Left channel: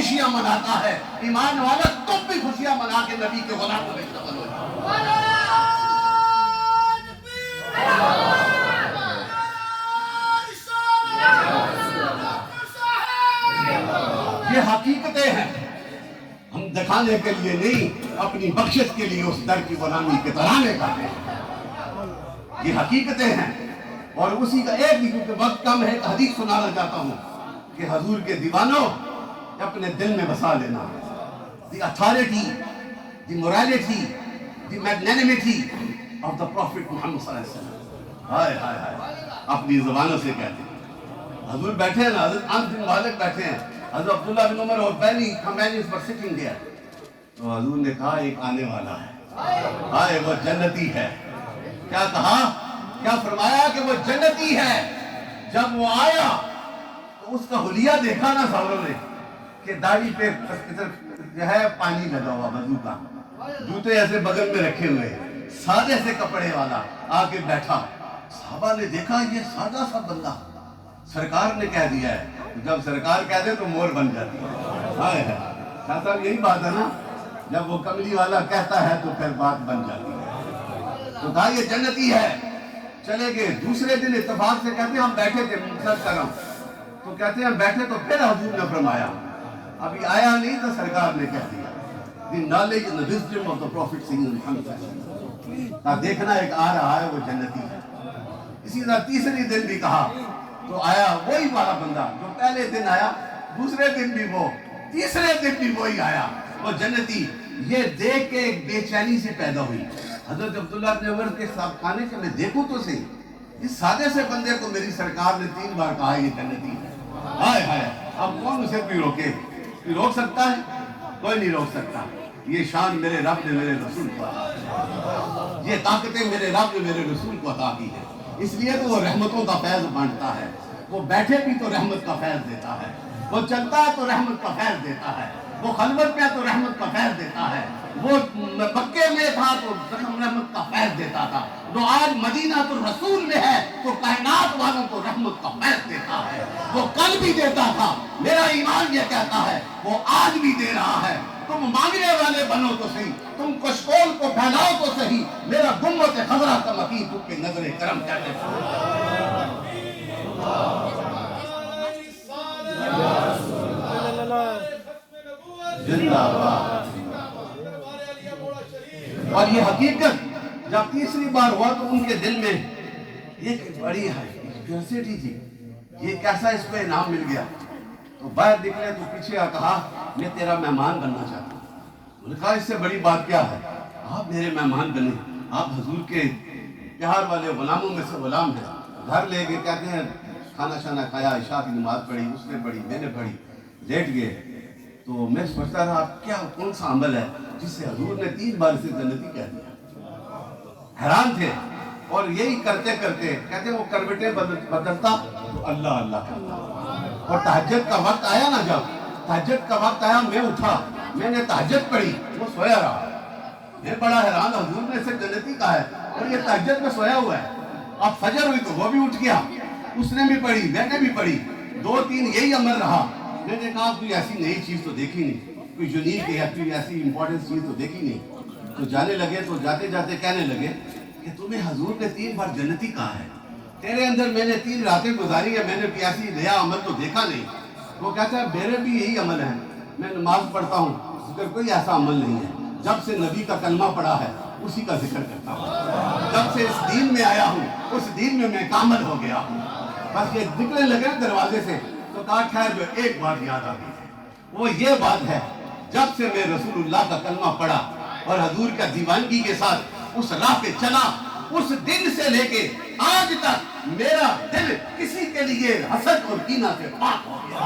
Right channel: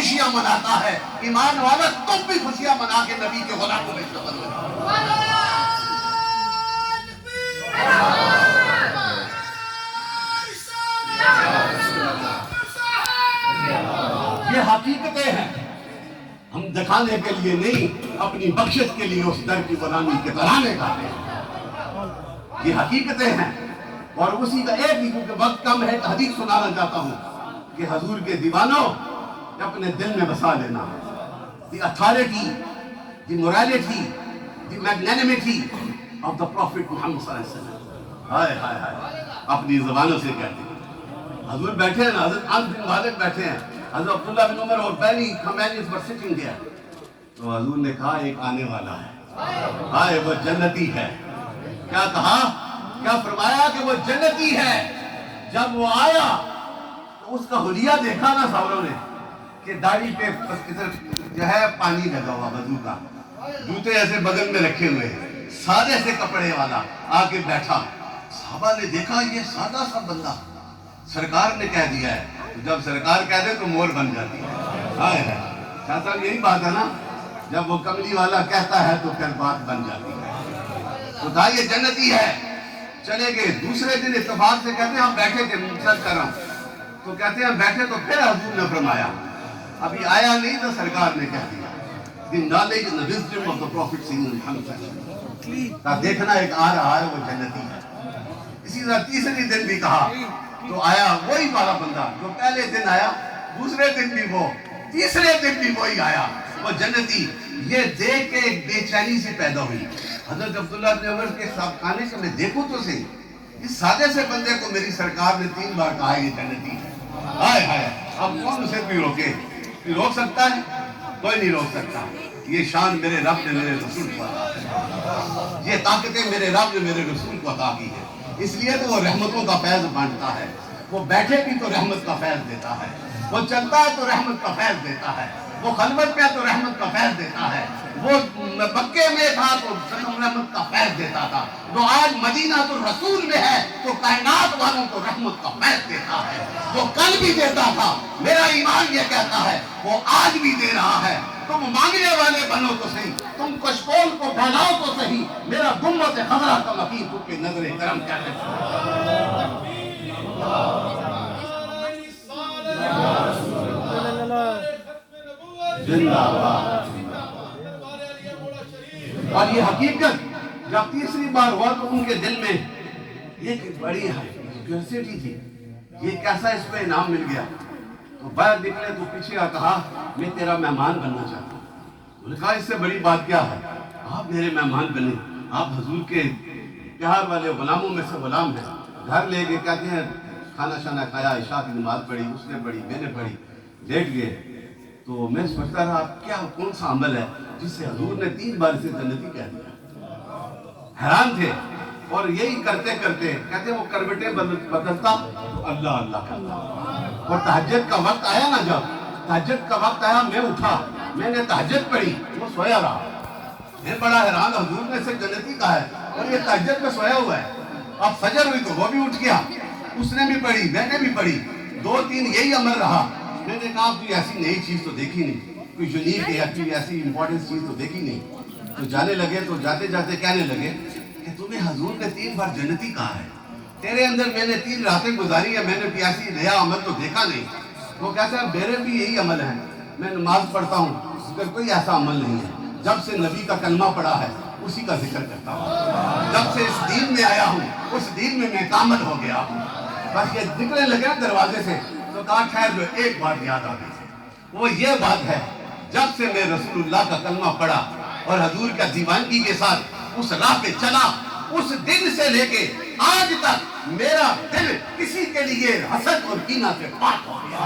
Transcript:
خوشیاں مناتا ہے، ایمان والا تم بھی خوشیاں منا کے نبی کے غلاموں میں شامل ہو جاؤ۔ یہ حقیقتیں ہیں، ہم دکھانے کے لیے نہیں، اپنی بخشش کے لیے اس در کی غلامی کے ترانے گاتے ہیں۔ یہ حقیقتیں ہیں، اور اسی کا ایک ہی کیونکہ وقت کم ہے ایک حدیث سنانا چاہتا ہوں کہ حضور کے دیوانوں اپنے دل میں بسا لینا، the authority, the morality, the magnanimity of the Prophet محمد صلی اللہ علیہ وسلم۔ ہائے ہائے ہائے، اپنی زبانوں سے کہتے ہیں۔ حضور بیٹھے ہیں نا، حضرت انس بن مالک بیٹھے ہیں، حضرت عبداللہ بن عمر اور پہلی companions were sitting there، تو حضور نے کہا ایک آنے والا ہے، ہائے وہ جنتی ہے۔ کیا کہا؟ کیا فرمایا کہ وہ جنتی ہے۔ جب وہ آیا تو اس کا حلیہ دیکھا نا ساوروں نے کہ داڑھی پہ جو ہے پانی لگا ہوا وضو کا، جوتے ایسے بغل میں رکھے ہوئے، سادے سے کپڑے والا آ کے بیٹھا۔ صحابہ نے دیکھا یہ سادہ سا بندہ، سرکار نے کہہ دیا ہے، جب سرکار کہہ دے تو مور بن جاتی ہے۔ ہائے ہائے، شاہ صاحب یہی بات ہے نا، جب وہ کملی والا کہتا ہے تو پھر بات بن جاتی ہے۔ تو کہا یہ جنتی ہے۔ چلے گئے، دوسرے دن اتفاق سے کہتے ہیں ہم بیٹھے تھے سر کرم، تو کہتے ہیں ہم بیٹھے تو پھر حضور نے فرمایا، ابھی آیا نہیں تو سرکار نے کہہ دیا، the knowledge and the wisdom of the Prophet کا دیکھنا ایک آ رہا ہے وہ جنتی ہے۔ اسی طرح تیسری دن بھی کہا تو آیا وہی والا بندہ جو پہلے دن آیا، دوسرے دن بھی وہ، تیسرے دن بھی وہی آیا، وہ جنتی۔ یہ دیکھ کے ایک بے چینی سے پیدا ہوئی حضرت عبداللہ بن عمر کے ساتھ کھانے سے، میں دیکھوں تو صحیح، اس سادے سے بندے کو میری سرکار نے 3 بار کہا یہ جنتی ہے۔ ہائے ہائے، اب کون اسے بھی روکے؟ کوئی روک سکتا ہے؟ کوئی نہیں روک سکتا۔ یہ شان میرے رب نے میرے رسول کو عطا کی، یہ طاقتیں میرے رب نے میرے رسول کو عطا کی ہے، اس لیے تو وہ رحمتوں کا فیض بانٹتا ہے۔ وہ بیٹھے بھی تو رحمت کا فیض دیتا ہے، وہ چلتا ہے تو رحمت کا فیض دیتا ہے، وہ خلوت میں تو رحمت کا فیض دیتا ہے، وہ مکے میں تھا تو رحمت کا فیض دیتا تھا، جو آج مدینہ الرسول میں ہے تو کائنات والوں کو رحمت کا فیض دیتا ہے۔ وہ کل بھی دیتا تھا، میرا ایمان یہ کہتا ہے وہ آج بھی دے رہا ہے۔ تم مانگنے والے بنو تو صحیح، تم کشکول کو پھیلاؤ تو صحیح، میرا گنبد خضرا کا مقیم تم پہ نظر کرم کہتے اور یہ حقیقت جب تیسری بار ہوا تو ان کے دل میں ایک بڑی کیوریوسٹی تھی، یہ کیسا اس کو انعام مل گیا۔ تو باہر نکلے تو پیچھے آ کہا میں تیرا مہمان بننا چاہتا ہوں۔ انہوں نے کہا اس سے بڑی بات کیا ہے، آپ میرے مہمان بنے، آپ حضور کے پیار والے غلاموں میں سے غلام ہیں۔ گھر لے گئے، کہتے ہیں کھانا شانا کھایا، عشاء کی نماز پڑھی، اس نے پڑھی، میں نے پڑھی، لیٹ گئے۔ تو میں سوچتا رہا کیا کون سا عمل ہے جس سے حضور نے 3 بار سے جنتی کہہ دیا۔ حیران تھے، اور یہی کرتے کرتے کہتے ہیں وہ کروٹیں بدلتا تو اللہ اللہ کرتا، اور تہجد کا وقت آیا نا، جب تہجد کا وقت آیا میں اٹھا، میں نے تہجد پڑھی، وہ سویا رہا۔ میں بڑا حیران، حضور نے اسے جنتی کہا ہے اور یہ تہجد میں سویا ہوا ہے۔ اب فجر ہوئی تو وہ بھی اٹھ گیا، اس نے بھی پڑھی، میں نے بھی پڑھی، 2-3 یہی عمل رہا۔ میں نے کہا کوئی ایسی نئی چیز تو دیکھی نہیں، کوئی یونیک یا کوئی ایسی امپورٹنٹ چیز تو دیکھی نہیں۔ تو جانے لگے تو جاتے جاتے کہنے لگے کہ تمہیں حضور نے 3 بار جنتی کہا ہے، تیرے اندر میں نے 3 راتیں گزاری ہیں، میں نے کوئی ایسی نیا عمل تو دیکھا نہیں۔ وہ کہتا ہے میرے بھی یہی عمل ہے، میں نماز پڑھتا ہوں مگر کوئی ایسا عمل نہیں ہے، جب سے نبی کا کلمہ پڑھا ہے اسی کا ذکر کرتا ہوں، جب سے اس دین میں آیا ہوں اس دین میں میں کامل ہو گیا ہوں۔ بس یہ نکلنے لگے دروازے سے تو کہا خیر جو ایک بات یاد آ گئی، وہ یہ بات ہے جب سے میں رسول اللہ کا کلمہ پڑھا اور حضور کا دیوانگی کے ساتھ اس راہ پہ چلا، اس دن سے لے کے آج تک میرا دل کسی کے لیے حسد اور کینہ سے پاک ہو گیا۔